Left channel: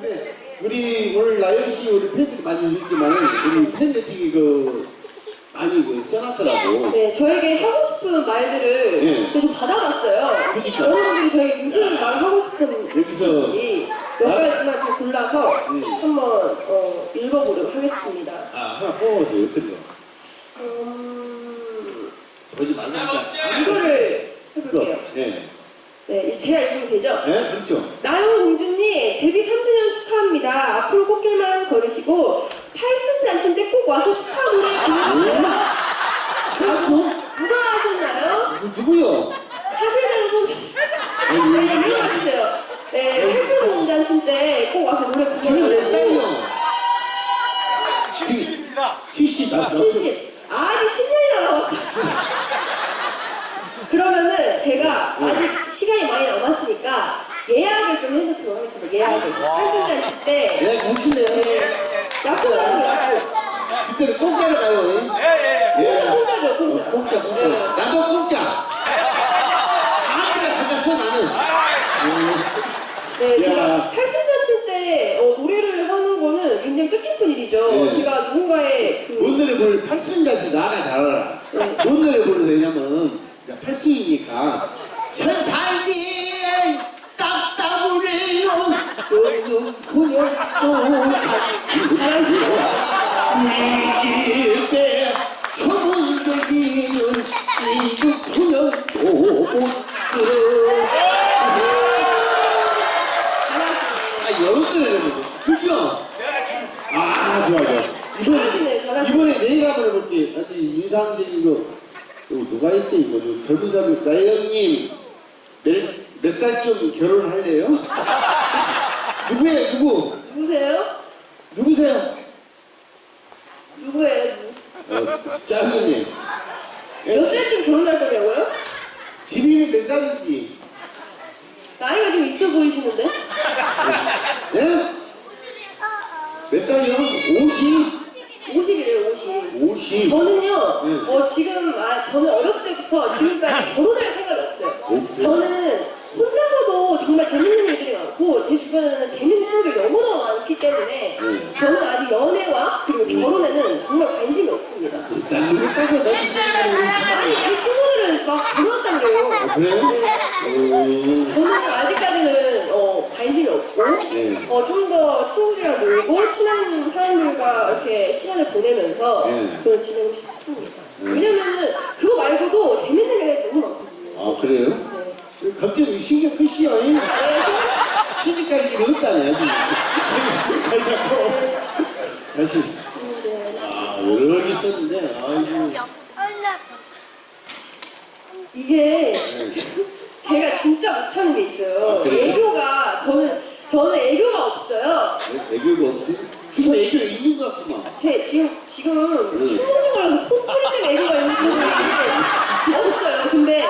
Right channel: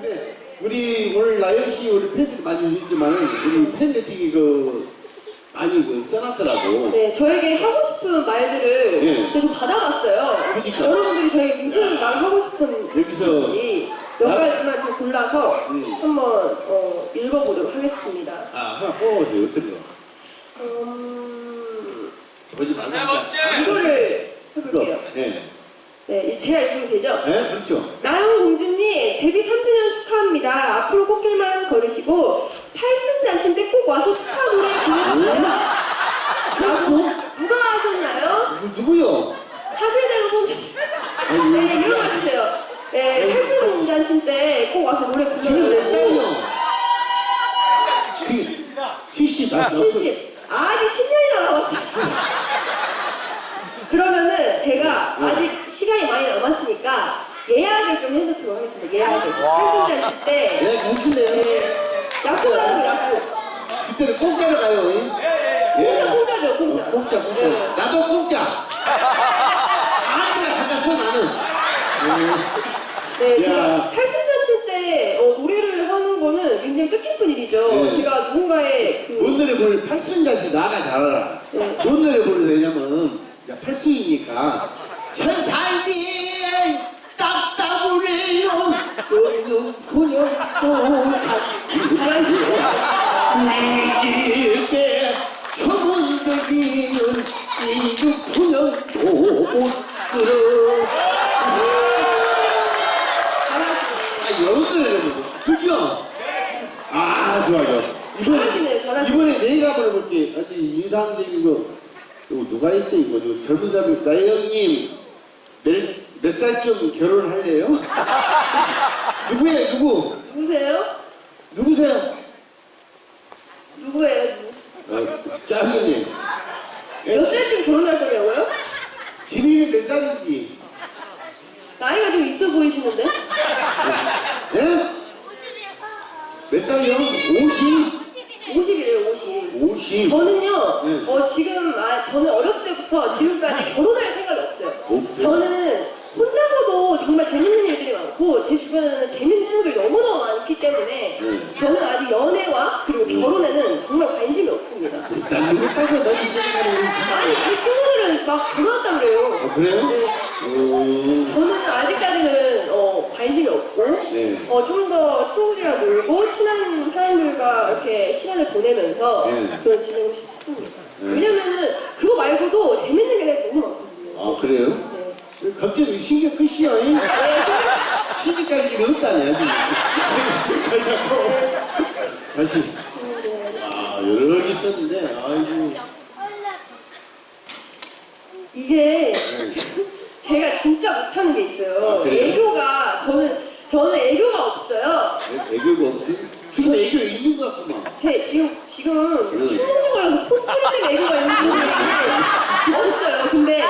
근데 우리 오늘 나영 씨 우리 팬들이 많이 오셨지만 우리 팬미팅이 그 많이 그 써놨더라고. 네, 저에게 하고 싶은 말들을 예. 제가 좀 받아봤어요. 그러니까. 여러분들이 저에게 무슨 말을 하고 싶은 여기서 지몇 나- 가지만 제가 골라서 음. 한번 어, 읽어보도록 하겠습니다. 아 하나 뽑아보세요. 어떤 거? 음, 보지 말라니까. 이거를. 해볼게요. 예. 네, 제가 읽으면 되죠? 예, 그렇죠. 나영 공주님 데뷔 3주년 축하합니다. 앞으로 꽃길만 걸으시고 팔순 잔치 때 꼭 와서 축하 노래 불러주세요. 짝수? 누가 하셨나요? 누, 누구요? 사실대로 손 아니, 네, 일어나 주세요. 네, 팔순 잔치 때 꼭 와서 노래 지금 몇 살이요? 불러주세요. 70입니다. 70. 아, 70. 아, 아직 10년이나 남았어요. 그러면은 제가 아직 시간이 많이 남았으니까 예약을 좀 해놓도록 하겠습니다. 예약을. 팔순잔치 때 예, 오실래요? 네, 약속을 하는 약속. 그때는 공짜로 가요. 예, 예. 예. 공짜, 공짜죠, 공짜. 어, 공짜, 공짜. 네. 나도 공짜. 아무데나 잠깐 써, 나는. 네, 야. 제가 팔순잔치 때 어, 노래를 하는 거는 굉장히 뜻깊은 일이죠. 네. 제가 누군가의 그뭔 노래 부르 팔순자씨 나가 잘 알아. 네. 뭔 노래 부르면 되냐면 야, 팔순이니까. 천살이 딱따구래요 너는 그녀도 잘몰라요. 우리 집에 처문대기는 이그 그녀도. 못 들어 아 여러 노래를 부르 그죠? 아 좋아 좋아 이번에. 이번에 내일 한번 해볼게 아주 인상적인 거또 누가 있어 이거 저 젊은 사람이 나영님 몇, 몇 살쯤 결혼할래요? 누구예요 누구? 누구세요? 누구세요? 누구예요? 누구? 어, 짜장님 몇 살쯤 결혼할 거냐고요? 지민이 몇 살인지 나이가 좀 있어 보이시는데? 예? 몇 살이요? 50? 50이래요, 50. 50 저는요, 네. 어, 지금, 아, 저는 어렸을 때부터 지금까지 결혼할 생각이 없어요. 없어요? 저는 혼자서도 정말 재밌는 일들이 많고, 제 주변에는 재밌는 친구들이 너무너무 많기 때문에, 네. 저는 아직 연애와 그리고 결혼에는 정말 관심이 없습니다. 빼고 너 진짜 아니, 제 친구들은 막 결혼했다 그래요. 아 그래요? 음, 저는 아직까지는 어, 관심이 없고 네. 어, 좀 더 친구들이랑 놀고 친한 사람들과 이렇게 시간을 보내면서 네. 저는 지내고 싶습니다. 네. 왜냐면은 그거 말고도 재밌는 게 너무 많거든요. 아 그래요? 네. 갑자기 신경 끄시오 잉? 시집 갈 일이 없다네 아직 가자고 다시 네. 아 여러 개 있었는데 아이고 이게 제가 진짜 못하는 게 있어요. 아, 그래요? 애교가 저는 저는 애교가 없어요. 애- 애교가 없어요? 지금 애교 있는 것 같구만 제 지금 지금 네. 춤춘지 몰라서 포스터리 때문에 애교가 있는 분이 없어요. 근데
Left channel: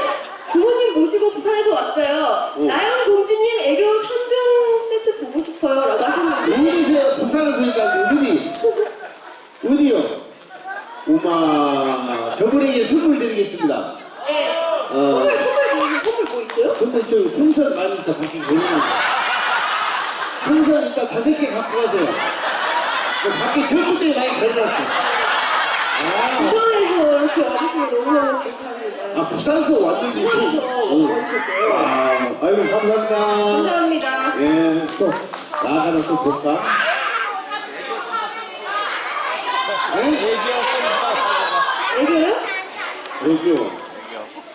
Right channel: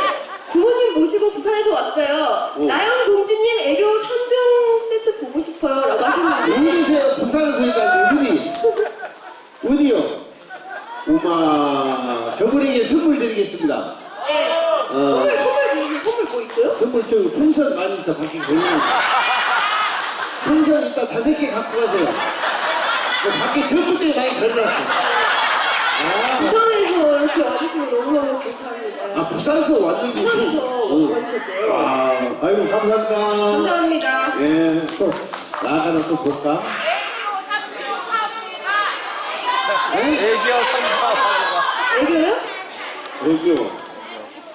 부모님 모시고 부산에서 왔어요. 어. 나영 공주님 애교 3종 세트 보고 싶어요라고 하셨는데 어디세요? 부산에서 일단 어디? 어디요? 우마 저분에게 선물 드리겠습니다 네. 어. 선물 선물 뭐 선물 뭐 있어요? 선물 저 풍선 많이 있어 밖에 걸리는 풍선 일단 다섯 개 갖고 가세요 그 전부 때 많이 걸려놨어 아, 부산에서 이렇게 와주시면 너무너무 감사합니다. 아 부산서 왔는데 부산에서 응. 와주셨대요. 아, 아이고 감사합니다 감사합니다. 예, 또 나가는 또 볼까? 예? 애기야, 선물. 애교요? 애교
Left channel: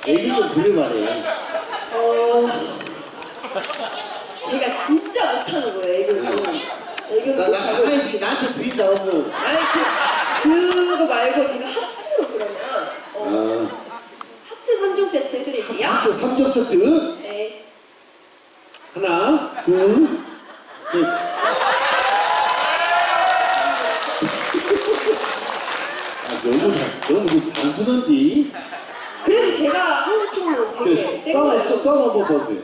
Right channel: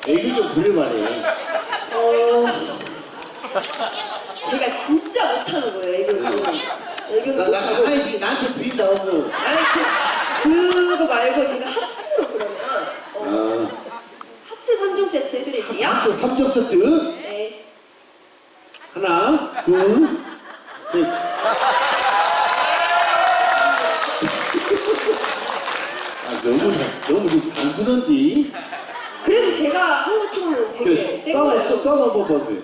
애교 좀 부려봐래 어 제가 진짜 못하는 거예요 애교는. 나, 나. 가만히 나한테 부린다 하고 아니 그, 그거 말고 제가 하트로 그러면 어, 아, 하트 3종 세트 해드릴게요. 하트 3종 세트 네. 하나 둘 셋 아, 너무 너무 좀 단순한데 그래도 제가 한거 치고는 되게 그래 센또 거예요. 또 한번 보세요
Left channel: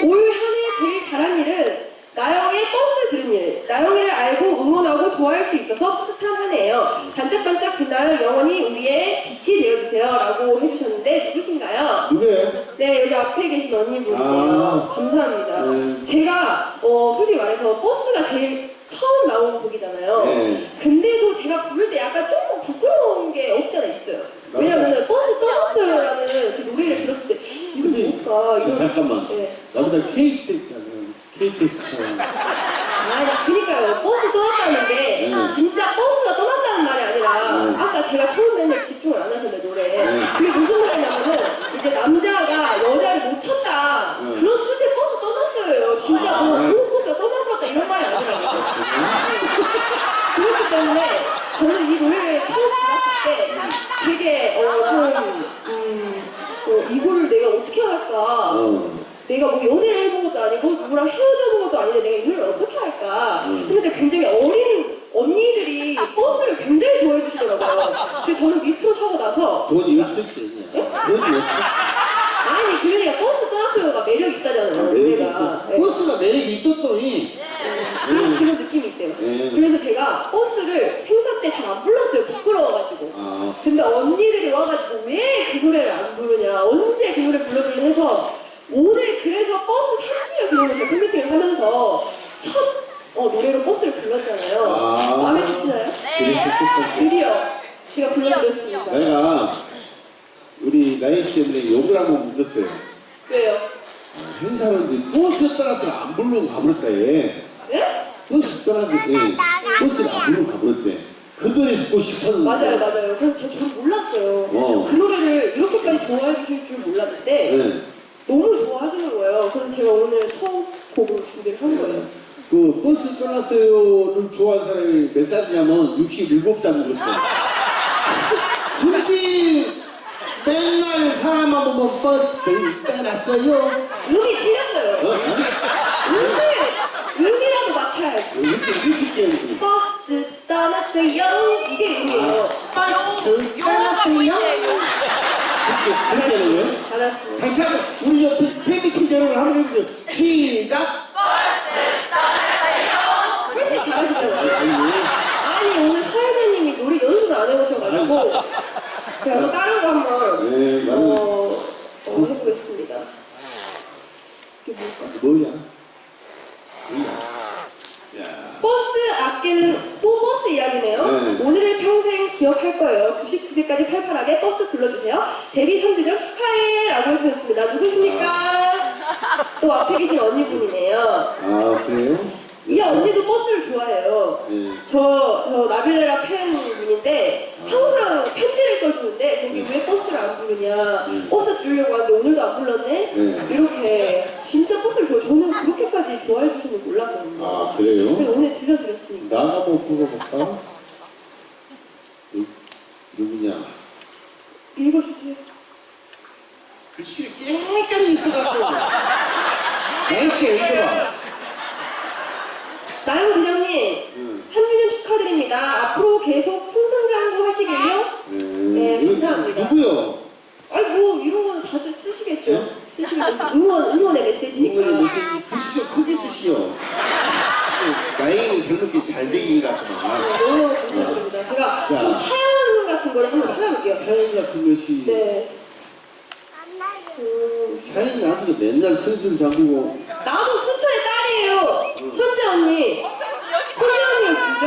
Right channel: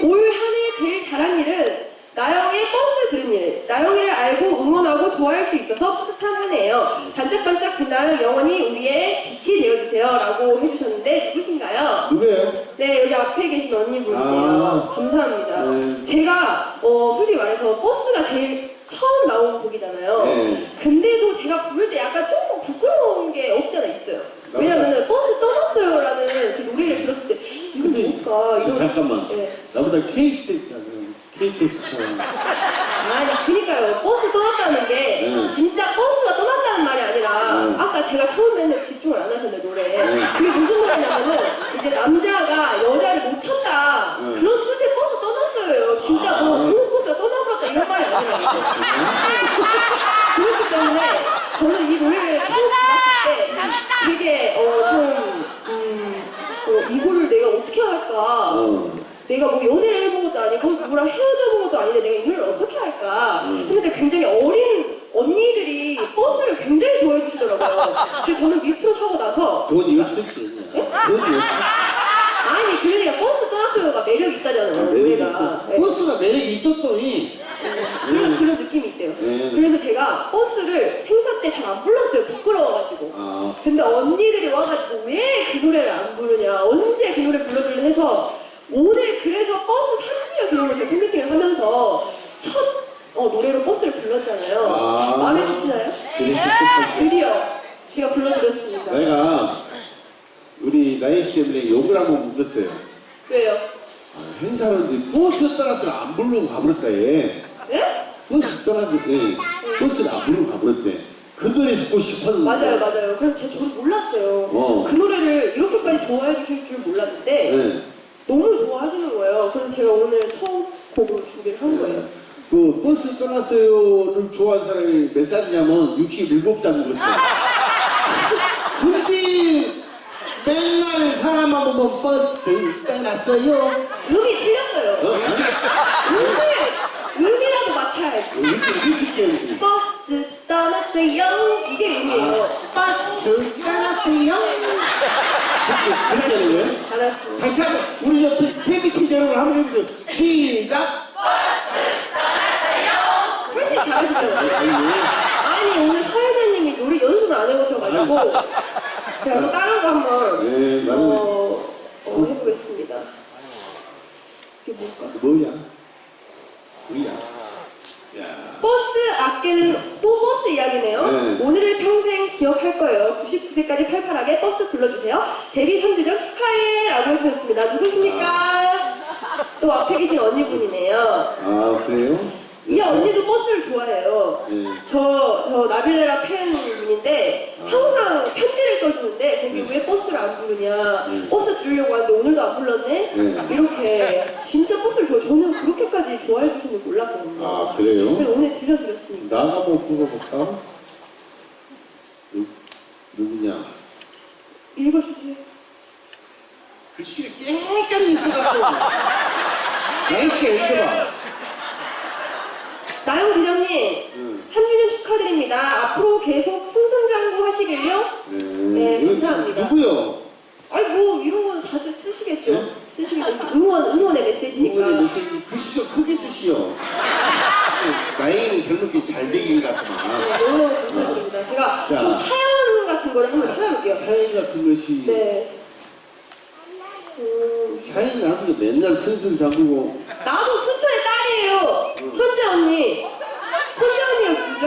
올 한 해 제일 잘한 일은 나영의 버스 들은 일. 나영이를 알고 응원하고 좋아할 수 있어서 뿌듯한 한 해예요. 반짝반짝 빛나는 영원히 우리의 빛이 되어주세요. 라고 해주셨는데 누구신가요? 누구예요? 네, 여기 앞에 계신 언니분이에요. 아. 감사합니다. 네. 제가 어, 솔직히 말해서 버스가 제일 처음 나온 곡이잖아요. 네. 근데도 제가 부를 때 약간 조금 부끄러운 게 없지 않아 있어요. 왜냐면은 버스 떠났어요라는 그 노래를 들었을 때 이거 근데 뭘까? 이거- 잠깐만. 네. 나보다 K스테이크 타는 아니 그니까요 버스 떠났다는 게 네. 진짜 버스가 떠났다는 말이 아니라 네. 아까 제가 처음에는 집중을 안 하셨네 노래 네. 그게 무슨 말이냐면은 이제 남자가 여자를 놓쳤다 네. 그런 뜻의 버스 떠났어요 진짜 뭐 아. 그 버스가 떠나버렸다 이런 말이 아니라고 그렇기 때문에 저는 이 노래를 처음 들었을 때 되게 어 좀 음, 어, 이거를 내가 어떻게 할까 어. 내가 뭐 것도 아니고 누구랑 헤어져 본 것도 아닌데 내가 이 노래를 어떻게 할까? 음. 했는데 굉장히 어린 언니들이 버스를 굉장히 좋아해 주시더라고요. 그래서 저는 미스트롯 하고 나서 돈이 없을 때 돈이 없을 아니 그러니까 버스 떠났어요가 매력 있다잖아요 때 매력이 노래가 있어. 네. 버스가 매력이 있었더니 그런, 그런 느낌이 있대요 네. 그래서 제가 버스를 행사 때 잘 안 불렀어요 부끄러워가지고 아, 근데 언니들이 와가지고 왜 그 노래를 안 부르냐 언제 그 노래 불러주려 해서 오늘 그래서 버스 3주년 기념을 제가 팬미팅을 하면서 첫 어, 노래로 버스를 불렀잖아요 아. 마음에 드시나요? 그래서 첫 번째. 드디어 제가 불러드렸습니다 내가 우리 나연 씨 때문에 욕을 한번 먹었어요. 왜요? 아, 행사하는데 버스 떠나서 안 부르고 가버렸다 얘. 네? 버스 떠나서 예, 버스를 안 부르고 가버렸대. 그 노래 듣고 싶었는데. 맞아요 맞아요 그래서 제가 저는 몰랐어요 어. 그 노래를 이렇게까지 좋아해 주실 줄 몰랐는데 네. 너무 좋아하시는 거예요 그래서 제가 오늘 처음 곡으로 준비를 한 거예요 그 버스 떠났어요를 좋아하는 사람이 몇 살이냐면 67살 먹었어 요. 근데 맨날 사람만 보면 버스 떠났어요. 음이 틀렸어요 어? 음을 음이라도 맞춰야지 일찍 깨야지. 버스 떠났어요 이게 음이에요 버스 떠났어요. 그렇게 그렇게 하는 거예요? 잘하시네 다시 한번 우리 저 팬미팅 여러분 한번 해보세요. 시작. 훨씬 잘하시더라고요 아이고. 아니 오늘 사회자님이 노래 연습을 안 해보셔가지고 제가 한번 다른 거 한번 네, 나는 어, 어, 해보겠습니다 이게 뭘까? 뭐야? 뭐야? 야. 버스 아끼는 또 버스 이야기네요. 네. 오늘을 평생 기억할 거예요. 99세까지 팔팔하게 버스 불러주세요. 데뷔 3주년 축하해! 라고 해주셨습니다. 누구십니까? 또 앞에 계신 언니분이네요. 아 그래요? 이 언니도 버스를 좋아해요. 네. 저, 저 나빌레라 팬 분인데 항상 편지를 써주는데 거기 왜 버스를 안 부르냐 네. 버스 들으려고 하는데 오늘도 안 불렀네 네. 이렇게 진짜 버스를 좋아 저는 그렇게까지 좋아해 주시는 줄 몰랐거든요 아 그래요? 그래서 오늘 들려드렸습니다 나가 한번 불러볼까? 누, 누구냐? 읽어주세요 글씨를 쨍까리 있어갖고 날씨가 읽어봐 나영 부장님 응. 3주년 축하드립니다 앞으로 계속 승승장구 하시길요 네, 이거 감사합니다. 누구요? 아니 뭐 이런 거는 다들 쓰시겠죠 네? 쓰시겠죠 응원, 응원의 메시지니까 이번에 메시지 글씨가 크게 쓰시오 나이는 젊게 잘 되긴 같지만 너무 감사드립니다. 제가 자. 좀 사연 같은 거를 한번 찾아볼게요. 사연 같은 것이 네. 음, 사연이 나서 맨날 슬슬 잠그고 선재 언니. 선재 언니가 누구죠?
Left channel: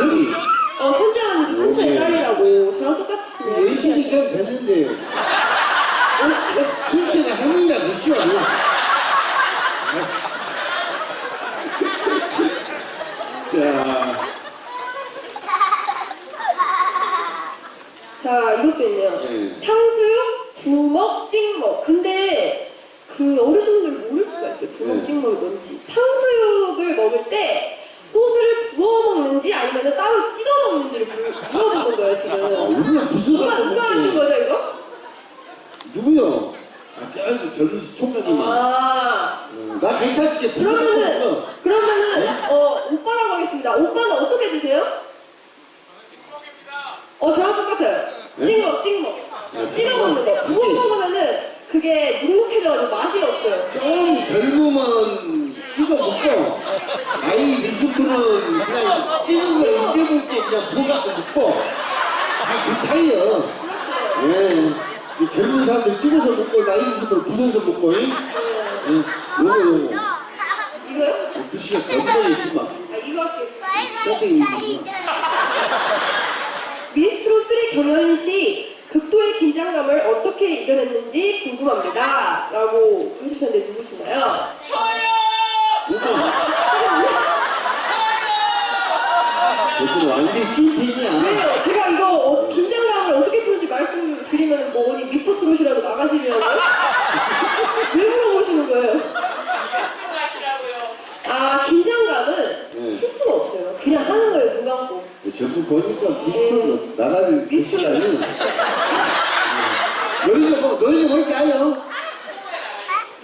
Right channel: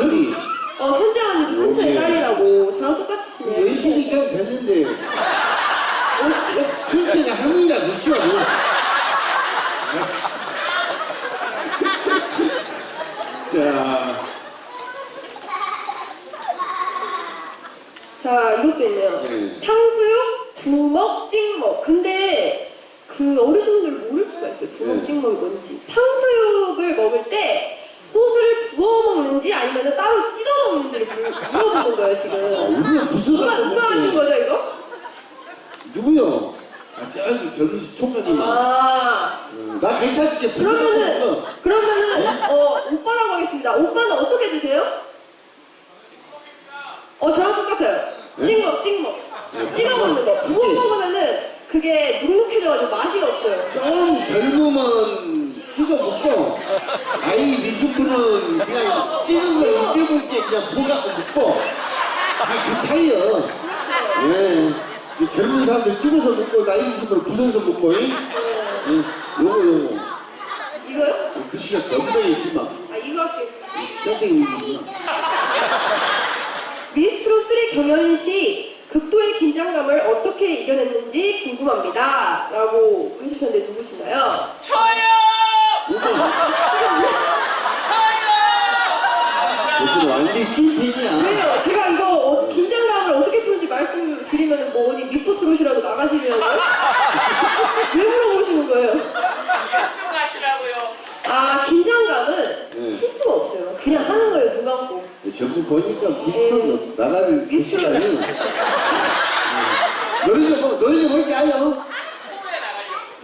여기 어, 선재 언니 순천의. 딸이라고. 저랑 똑같으시네요. 연식이 좀 됐는데 어, 순천의 할머니라 그시오 그냥 자 자, 이것도 있네요. 네. 탕수육, 부먹, 찍먹. 근데 그 어르신분들 모를 수가 있어요. 부먹, 네. 찍먹이 뭔지. 탕수육을 먹을 때 소스를 부어 먹는지 아니면 따로 찍어 먹는지를 물- 물어보는 거예요, 아, 지금. 우리가 무슨 누가, 갖다 누가 하신 먹지 거죠, 이거? 누구요? 아 저기 젊은 총각님아 아, 나 괜찮을게 무슨 갖다 그러면은, 먹어 그러면은, 어, 오빠라고 하겠습니다. 오빠는 어떻게 드세요? 어, 저랑 똑같아요. 네? 찍먹, 찍먹. 네, 찍어 먹는 거. 부어 그게- 먹으면은 그게 눅눅해져가지고 맛이 없어요. 좀 젊으면 찍어 먹고 나이 드신 분은 그냥 찍은 걸 잊어볼 때 그냥 보갖고 먹고 다그 차이요. 예. 이 젊은 사람들 찍어서 먹고 나이 드신 분 부숴서 먹고. 이? 예. 요거 요거. 이거요? 글씨가 굉장히 있지만 아 이거. 선생님이 미스트로 3 경연 시 극도의 긴장감을 어떻게 이겨냈는지 궁금합니다. 라고 해주셨는데 누구신가요? 저들 완전히 찐팬이야. 왜요? 제가 이거 어- 긴장감을 어떻게 푸는지 말씀드리면 뭐 어디 미스터 트롯이라도 나가시려고요? 왜 물어보시는 거예요? 아 긴장감은 네. 풀 수가 없어요. 그냥 하는 거예요. 눈 감고. 전부 보니까 미스터로 나갈 그 미스터로. 시간이 좀 뭐- 좀 볼지 아요?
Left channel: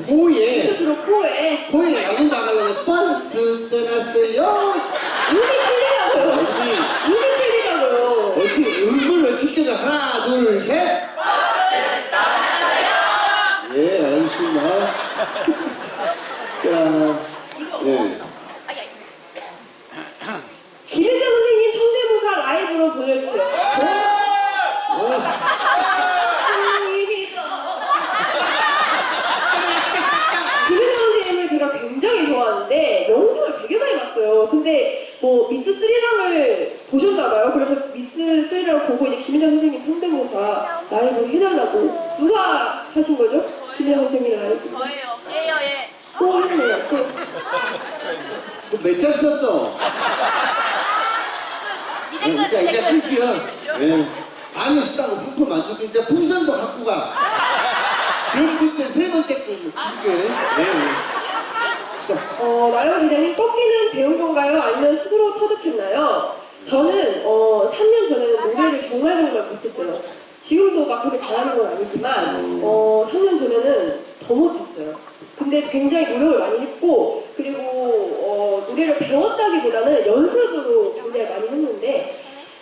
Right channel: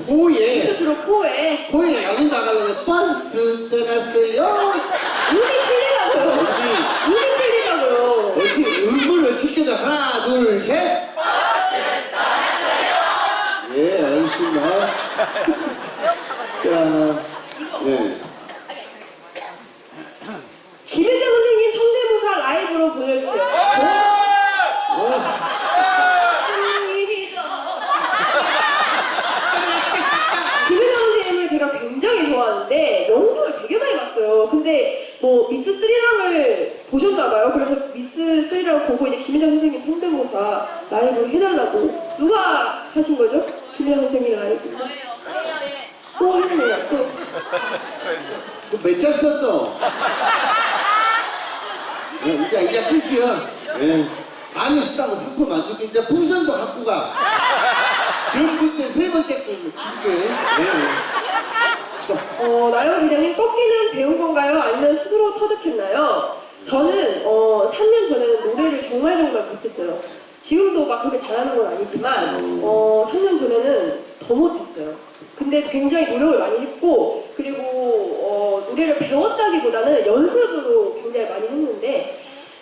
포에 트롯 프로에 포에 나도 나가려면 버스 떠났어요. 눈이 틀리다고요. 어디 눈이 틀리다고요. 어찌 음을 어떻게든 하나 둘 셋. 예 알겠습니다. 자 예. 김혜정 선생님 성대모사 라이브로 보내주세요. 어, 김혜정 선생님을 제가 굉장히 좋아하는데 영상을 되게 많이 봤어요. 근데 뭐 미스 스리랑을 보셨나봐요. 그래서 미스 스리랑 보고 이제 김혜정 선생님 성대모사 라이브 해달라고 누가 하신 거죠? 김혜정 선생님 라이브. 또 했네요. 또. 몇장 썼어? 예, 이제 이제 끝이야. 예. 많이 쓰다고 상품 안 주고 이제 풍선도 갖고 가. 지금 그때 세 번째 거 줄게. 예. 자, 어, 나영 기자님 꺾기는 배운 건가요? 아니면 스스로 터득했나요? 저는 어, 3년 전에는 노래를 정말 정말 못했어요. 지금도 막 그렇게 잘하는 건 아니지만 어, 3년 전에는 더 못했어요. 근데 굉장히 노력을 많이 했고 그리고 어, 노래를 배웠다기보다는 연습으로 굉장히 많이 했는데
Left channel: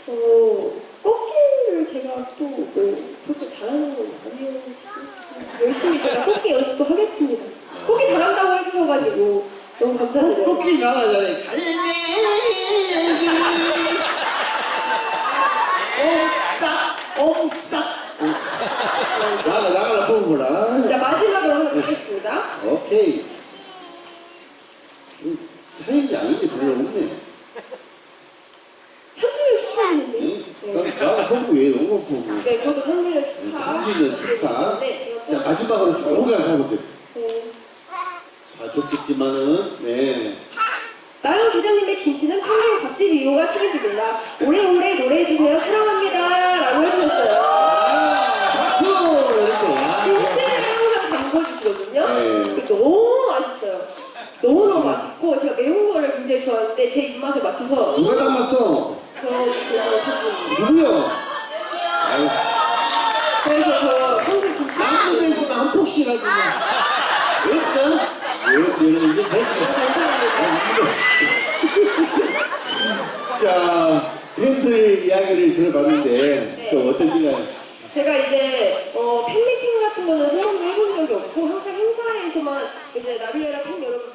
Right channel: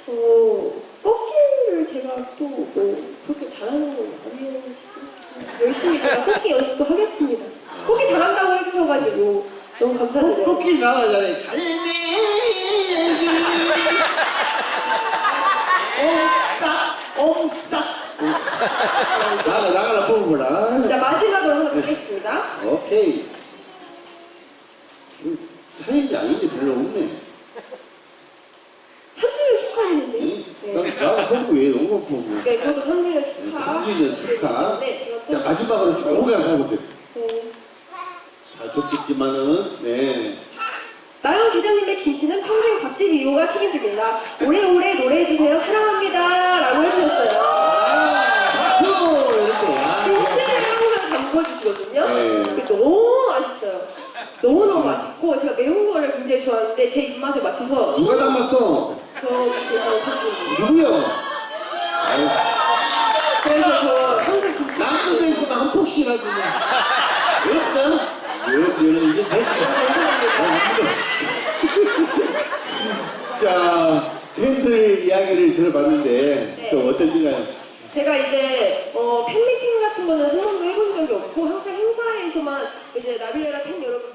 어, 꺾기를 제가 또뭐 그렇게 잘하는 건 아니어가지고 열심히 제가 꺾기 연습도 하겠습니다. 꺾기 잘한다고 해주셔가지고 너무 감사드려요. 꽃길 나가잖아요. 갈매기. 옴싹, 옴싹. 나가, 나가라, 뽑아보라. 자 마지막으로 하나 드리겠습니다. 오케이. 음, 사연이 아닌데 별로 없네. 3주년 축하했는데. 응? 네. 나- 나가 뽑고 왜 너무 뽑고. 네, 그것도 3주년 축하. 3주년 축하. 네, 제가 또. 자, 마지막으로 오가를 해보세요. 네. 다 좋겠지만은, 네. 나영 기자님의 김치는 평생 밥집 이호가 책임집니다. 오래오래 노래해주세요. 사랑합니다. 라고 해주셨어요. 아, 박수! 이렇게. 아, 김치를 항상 담궈주시거든요. 네. 그게 너무 맛있어요. 너무너무 맛있고, 제가 매운 거를 굉장히 좋아하는데, 제 입맛에 맞춰서 누가 담았어? 저 그래서. 누구요? 아유, 그래서 저 평생 김치. 아무도 있으면 한 폭씩이라도 그냥. 없어? 이제 됐어. 감사합니다. 자, 팬들 이야기를 들어봤는데, 네. 좀 어떤지가. 제가 이제 어, 팬미팅 같은 거는 한 번도 해본 적이 없고 항상 행사에서만 이제 나빌레라 팬 여러분